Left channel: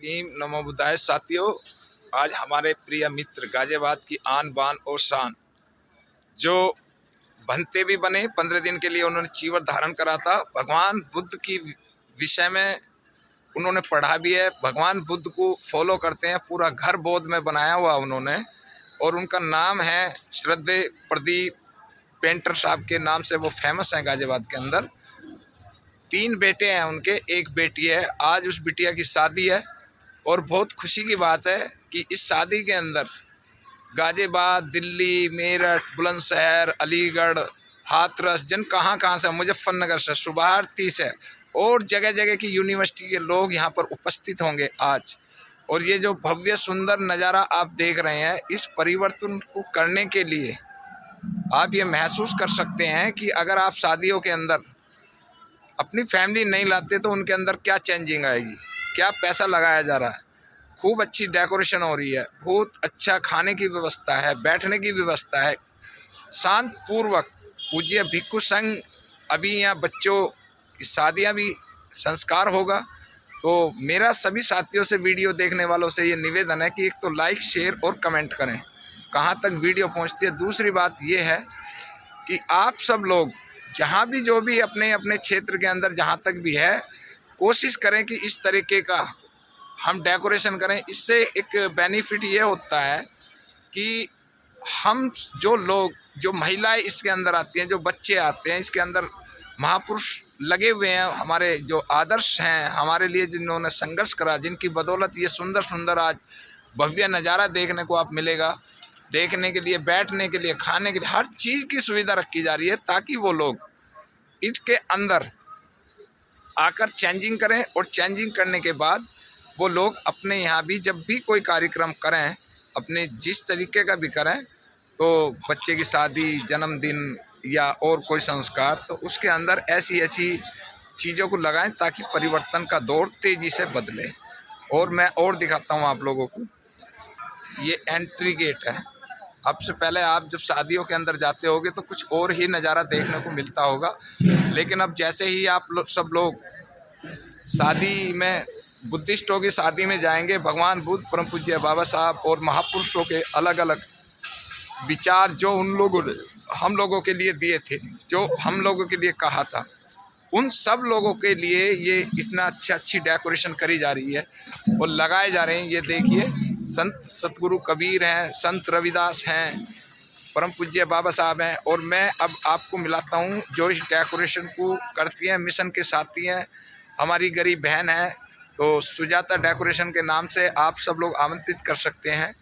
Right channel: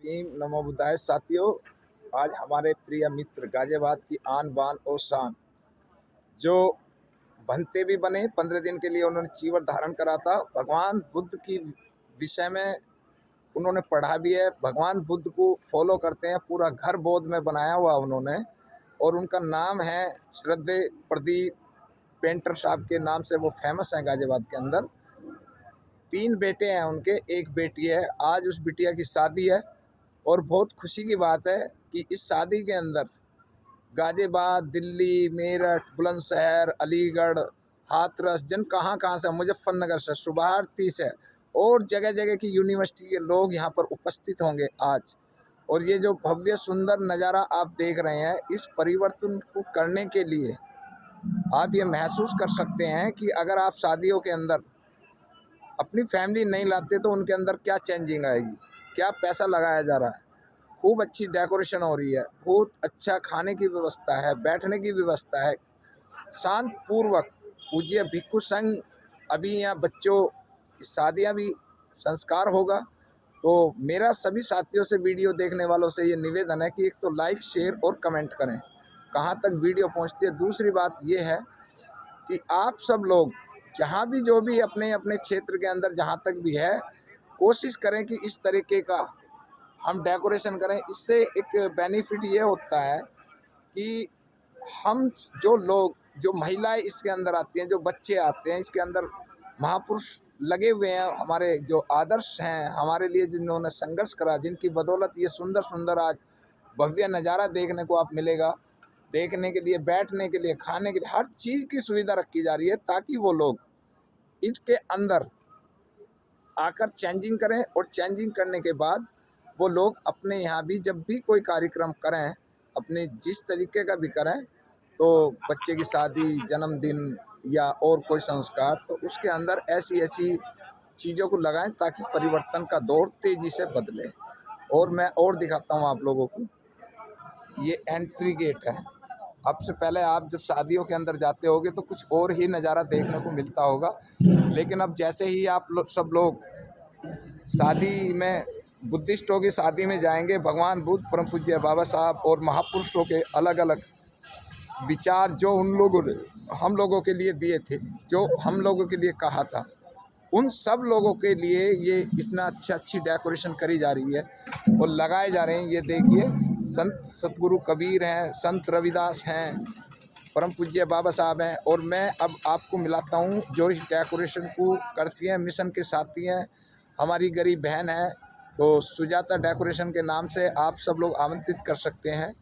भीम नमो बुद्धाय। साथियों, आज हमारे प्रिय मित्र गाजियाबाद की आन बान और शान, जो बनते भी बने 15 दिन के लिए उन्होंने चीवर धारण करा था। भगवान बुद्ध की विषय में उन्होंने पढ़ा भी है, भगवान बुद्ध को फॉलो करते हैं, पूरा घर बौद्ध में बनाया हुआ उन्होंने। और उनका नाम है श्रद्धे प्रदीप पेंटर साहब के नाम से वो फेमस हैं गाजियाबाद के अंदर। 3 बेटे हैं उनके, एक बेटी है। आज उस बिटिया की शादी है और बहुत खुशी की बात है कि इस शादी के अंदर गाजियाबाद, दिल्ली, मेरठ, बुलंदशहर, अलीगढ़, हाथरस, जन कहाँ से, मुजफ्फरनगर से, शुभारती से और जगह जगह की यूनिवर्सिटी के लोग यहाँ पर उपस्थित होंगे आज। और ये जो भव्य सुंदर नज़ारा आप देख रहे हैं, इस परिवर्तन को करने के लिए आप ये महसूस कर सकते हैं कि अगर आप शादियों के अंदर अपनी फैमिली नहीं लाते तो उनके अंदर क्या चेंजिंग आएगी, क्या पैसा लगाया जा रहा है। खूब अच्छी डेकोरेशन हो रही है, बहुत अच्छा खाने की व्यवस्था है, बैठने की व्यवस्था है, शांत पूर्वक। पूज्य भिक्षु संघ, अभी यहाँ बच्चों की शादियाँ भी संस्कार होगा। तो मेरा सभी साथियों से, वीडियो देखने वालों से ये निवेदन है कि एक तो लाइक, शेयर और कमेंट करें कहाँ तक वीडियो पहुँचती है। दूसरी बात ये है कि आप सब लोग जहाँ भी, जो भी अपने अपने क्षेत्र के अंदर जहाँ तक भी है, कोशिश करें कि इस तरीके का हम डेकोरेशन करें। इससे एक बेनिफिट ये होता है कि हम जो लोग, जो महिलाएं इसके अंदर आती हैं, जो बच्चे आते हैं, इसके अंदर महापुरुष लगे हुए हैं, हमारे जो आदर्श हैं, हमारे लिए जिन्होंने संघर्ष करा, जिनकी बदौलत ये सुंदर सुंदर आज भव्य नज़ारा देखने को आप मिलेगा। देखने के लिए, बैठने के लिए, खाने के लिए, हर चीज़ की सुविधा रखी जा रही है ताकि वो लोग इसके अंदर आकर चेंजिंग करें। और चेंजिंग करने के बाद वो लोग अपने यहाँ भी जब भी कोई कार्यक्रम करें, अपने जिस तरीके का भी करें, तो बच्चे की शादी, जन्मदिन या और कोई संस्कार, तो उसके अंदर ऐसी ऐसी चीज़ों को लगाएं ताकि परिवर्तन का दौर तेज़ी से बदले। और मैं और दिखाता हूँ आप लोगों को, ये एंट्री गेट है। अब से पहले आप जब शादियों के अंदर जाते होगे तो कुछ और ही नज़ारा देखने को मिलता होगा, लेकिन अब जैसे ही आप सब लोग शादी में, बुद्धिस्टों की शादी में जाएंगे, भगवान बुद्ध, परम पूज्य बाबा साहब और महापुरुषों के अलग अलग विचार जो उन लोगों ने हम लोगों के लिए दिए थे, जो हम लोगों के लिए कहा था, उन सब लोगों के लिए ये इतना अच्छी डेकोरेशन करी जा रही है और लगाए जा रहे हैं। ये देखिए, संत सतगुरु कबीर हैं, संत रविदास हैं, परम पूज्य बाबा साहब हैं। और मैं अब आपको मिलाता हूँ जो इस डेकोरेशन को करती हैं, मिशन के साथी हैं, हमारी गरीब बहन है। तो सुजाता डेकोरेशन के नाम से आप सब लोग आमंत्रित कर सकते हैं।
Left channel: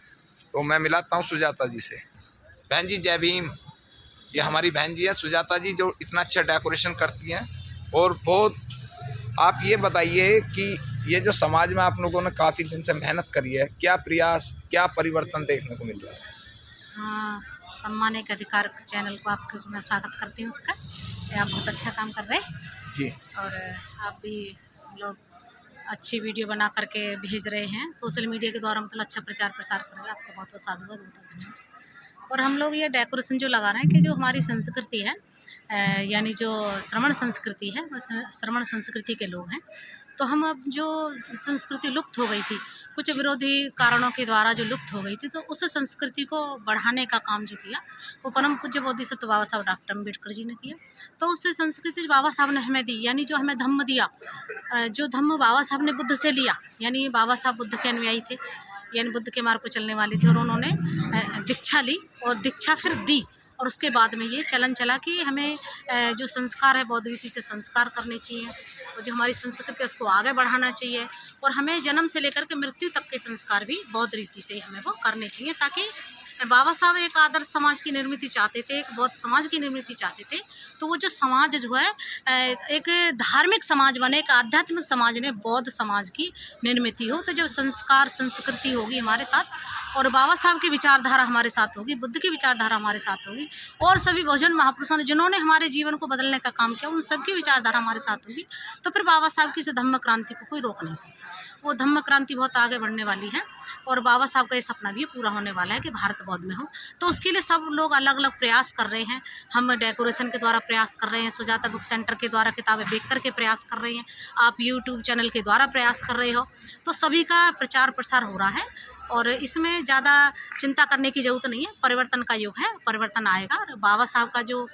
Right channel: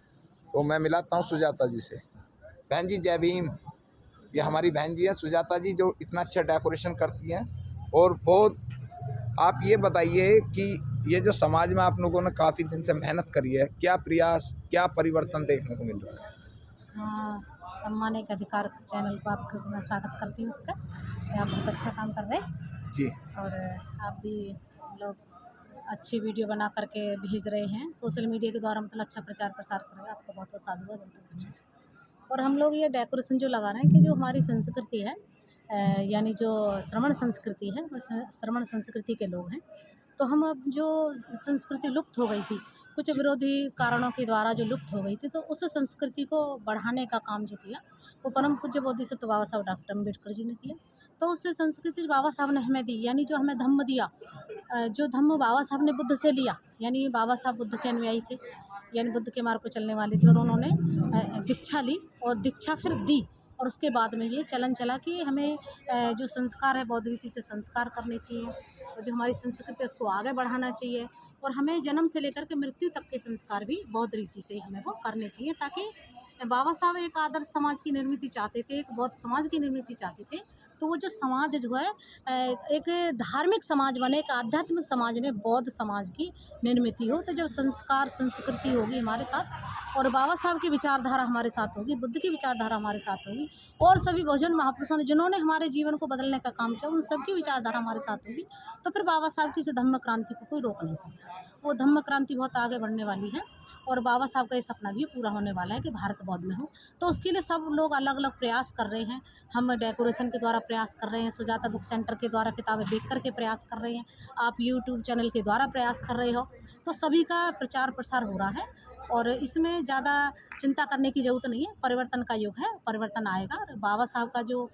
तो मैं मिलाता हूँ सुजाता जी से। बहन जी, जय भीम। ये हमारी बहन जी है सुजाता जी, जो इतना अच्छा डेकोरेशन करती हैं। और बहुत, आप ये बताइए कि ये जो समाज में आप लोगों ने काफ़ी दिन से मेहनत करी है, क्या प्रयास, क्या परिवर्तन देखने को मिल रहा है? हाँ, सम्मान एक अधिकार चैनल को आपको मैं स्वागत करती हूँ उसका। आप बहुत अच्छा काम कर रहे हैं जी। और आप भी लोग अच्छी वीडियो बना करके भेज रहे हैं सोशल मीडिया के द्वारा, मतलब अच्छा प्रचार प्रसार कर रहे हैं। आपका बहुत बहुत साधुवाद, बहुत धन्यवाद। और हम लोग ये डेकोरेशन जो लगा रहे हैं कि जो हमारी संस्कृति है, यानी जो श्रमण संस्कृति है, वो श्रमण संस्कृति के लोग हैं। तो हम अब जो संस्कृति लुप्त हो गई थी, कुछ विरोधी कारणों के द्वारा जो लुप्त हो गई थी, तो उस संस्कृति को बढ़ाने का काम जो किया वो परम पूज्य बोधिसत्व बाबा साहब डॉक्टर अम्बेडकर जी ने किया। तो उस संस्कृति बाबा साहब ने हमें दी, यानी जो हमें धम्म दिया, जो धम्म बाबा साहब ने बुद्ध से लिया, यानी बाबा साहब बुद्ध के अनुयायी थे, यानी बुद्ध के मार्ग पर चलने वाले थे। और उन्होंने दीक्षा ली और दीक्षा फिर दी। और उसके बाद में ये चलन चला कि हमें जो संस्कार है, बौद्ध रीति से संस्कार करने चाहिए, और जो हमारी संस्कृति है उसको आगे बढ़ाना चाहिए। और हमें जन्म से लेकर के मृत्यु तक के संस्कार भी बौद्ध रीति से हमें वो करने चाहिए, ताकि बाबा साहब एक आदर्श समाज की निर्मित चाहते थे, एक बौद्ध समाज की निर्मित चाहते थे। तो वो जो समाज जो है एक धार्मिक समाज बने, एक आध्यात्मिक समाज ने बौद्ध समाज की निर्मित हो। तो जब संस्कार संस्कृति होगी हमारे साथ, और बाबा साहब की विचारधारा हमारे साथ होगी, बुद्ध की विचारधारा हमारे साथ होगी, और सभी बहुजन महापुरुषों ने जिन्होंने हमारे जीवन को बदलने का काम किया उन सबकी विचारधारा हमारे साथ होगी। तो फिर बाबा साहब की इस धम्म क्रांति को कोई रोक नहीं सकता। वो धम्म क्रांति बहुत आगे बढ़ने वाली है और बाबा साहब का ये सपना भी पूरा होने वाला है कि भारत बौद्ध में हो। तो उसके लिए सब लोग अलग अलग प्रयास कर रहे हैं। हम डेकोरेशन के द्वारा प्रयास कर रहे हैं, सुजाता बुक सेंटर के द्वारा किताबें बेच कर के प्रयास कर रहे हैं, आप यूट्यूब चैनल के द्वारा प्रयास कर रहे हो। तो सभी का प्रचार प्रसार हो रहा है और इसमें ज़्यादा चिंता करने की ज़रूरत नहीं है। परिवर्तन का युग है, परिवर्तन आएगा। और बाबा साहब का जो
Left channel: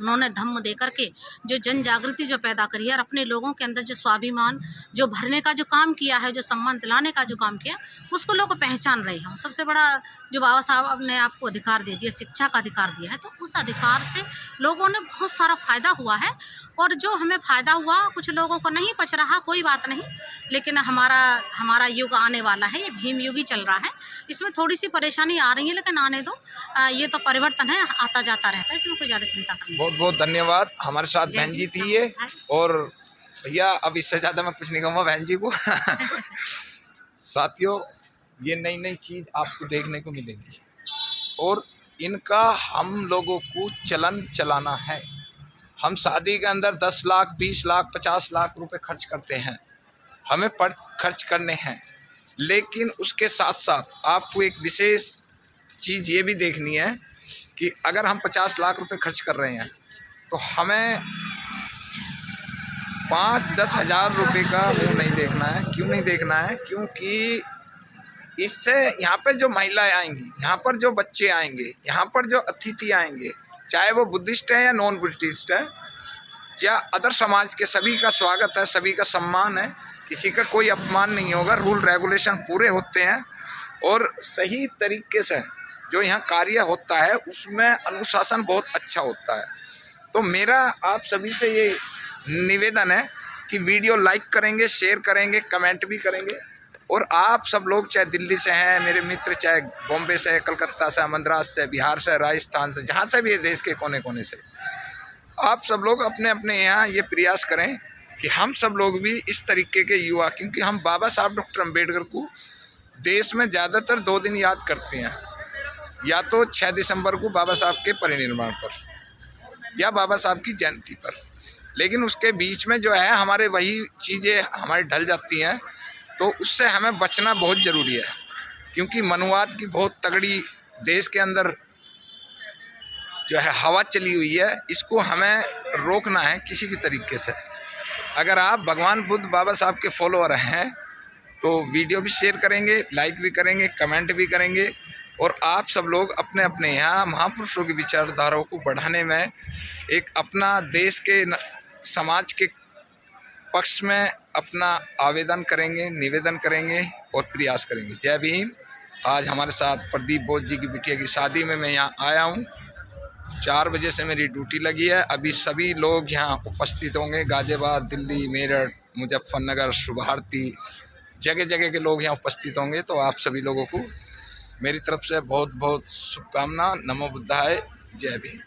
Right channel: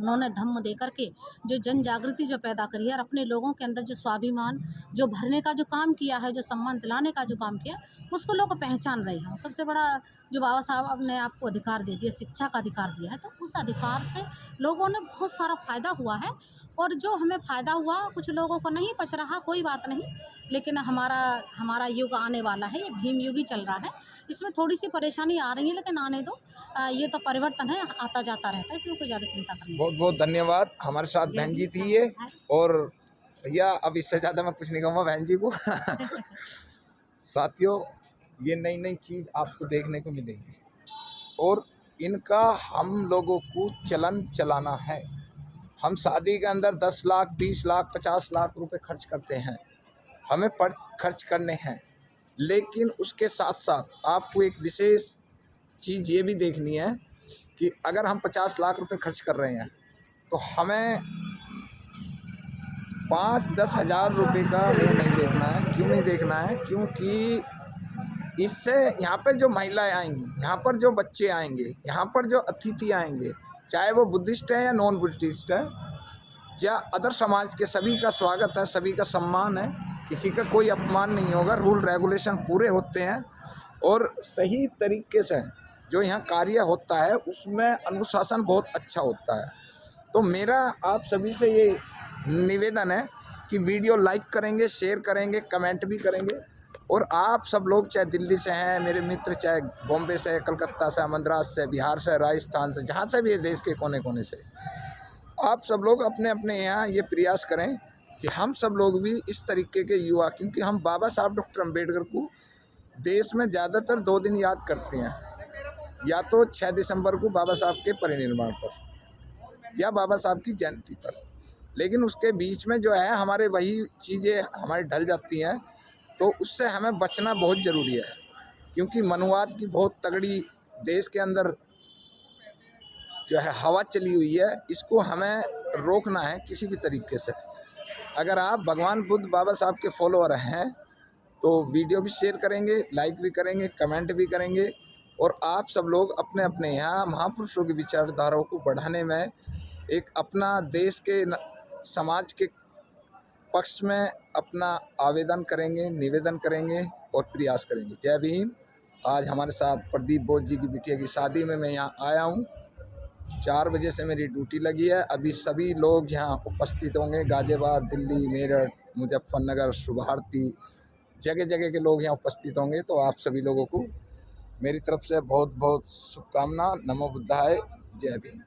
उन्होंने धम्म दे करके जो जन जागृति जो पैदा करी है और अपने लोगों के अंदर जो स्वाभिमान जो भरने का जो काम किया है, जो सम्मान दिलाने का जो काम किया, उसको लोग पहचान रहे हैं। सबसे बड़ा जो बाबा साहब ने आपको अधिकार दे दिया, शिक्षा का अधिकार दिया है, तो उस अधिकार से लोगों ने बहुत सारा फ़ायदा हुआ है। और जो हमें फ़ायदा हुआ कुछ लोगों को नहीं पच रहा, कोई बात नहीं, लेकिन हमारा युग आने वाला है, ये भीम युग ही चल रहा है। इसमें थोड़ी सी परेशानी आ रही है लेकिन आने दो, ये तो परिवर्तन है, आता जाता रहता है, इसमें कोई ज़्यादा चिंता करने की। बहुत बहुत धन्यवाद। हमारे साथ जय बहन जी हिंद, थी ये, नमस्कार। और भैया अब इससे ज़्यादा मैं कुछ नहीं कहूँगा बहन जी को। साथियों, ये नई नई चीज़ आपको देखने को मिलेगी और इनका हम लोगों को चलन चलाना है। हम शादी के अंदर 10 लाख 20 लाख 50 लाख रुपए खर्च करते हैं, हमें पर खर्च करने हैं, लेकिन उसके साथ साथ आपको एक विशेष चीज़ ये भी देखनी है कि अगर हम 50 लाख रुपए खर्च कर रहे हैं तो हमें 5-10 हज़ार रुपये का मुँह नहीं देखना है। क्यों नहीं देखना है? क्योंकि इससे यहाँ पर जो महिलाएं आएंगी, यहाँ पर जो बच्चे आएंगे, यहाँ पर जो अतिथि आएंगे, चाहे वो बुद्धिस्ट है या नॉन बुद्धिस्ट है या अदर समाज के, सभी का स्वागत है, सभी का सम्मान है, किसी का कोई अपमान नहीं होगा। रूल रेगुलेशन पूरे होते हैं और सही तरीके से जो यहाँ कार्य होता है उसमें अनुशासन बहुत अच्छा होता है। तो मेरा आप सभी से ये निवेदन है कि वीडियो लाइक करेंगे, शेयर करेंगे, कमेंट भी करेंगे। और आप सब लोग चाहे दिल्ली से हैं मेरे मित्र, चाहे बॉम्बे से, कलकत्ता से, मद्रास से, बिहार से, राजस्थान से, जहाँ से भी है देश के कोने कोने से, आप सब लोग अपने अपने यहाँ ये प्रयास करें कि हम सब लोग भी इस तरीके के युवा, क्योंकि हम बाबा साहब डॉक्टर अम्बेडकर को देश में ज़्यादातर 2 दिन याद करते हैं, या तो 6 दिसंबर को बाबा साहब के परिनिर्वाण पर या बाबा साहब की जयंती पर। लेकिन उसके बीच में जो है हमारे वही चीज़ें हमारी ढल जाती हैं, तो उससे हमें बचना बहुत ज़रूरी है। क्योंकि मनुवाद की बहुत तगड़ी देश के अंदर जो है हवा चली हुई है, इसको हमें रोकना है किसी भी तरीके से। अगर आप भगवान बुद्ध बाबा साहब के फॉलोअर हैं तो वीडियो भी शेयर करेंगे, लाइक भी करेंगे, कमेंट भी करेंगे, और आप सब लोग अपने अपने यहाँ महापुरुषों की विचारधाराओं को बढ़ाने में एक अपना देश के समाज के पक्ष में अपना आवेदन करेंगे, निवेदन करेंगे और प्रयास करेंगे। जय भीम। आज हमारे साथ प्रदीप बोस जी की बिटिया की शादी में मैं यहाँ आया हूँ। 4 बजे से मेरी ड्यूटी लगी है। अभी सभी लोग यहाँ उपस्थित होंगे, गाजियाबाद, दिल्ली, मेरठ, मुजफ्फरनगर, शुभारती, जगह जगह के लोग यहाँ उपस्थित होंगे। तो आप सभी लोगों को मेरी तरफ से बहुत बहुत शुभकामना। नमो बुद्धाय। जय भीम।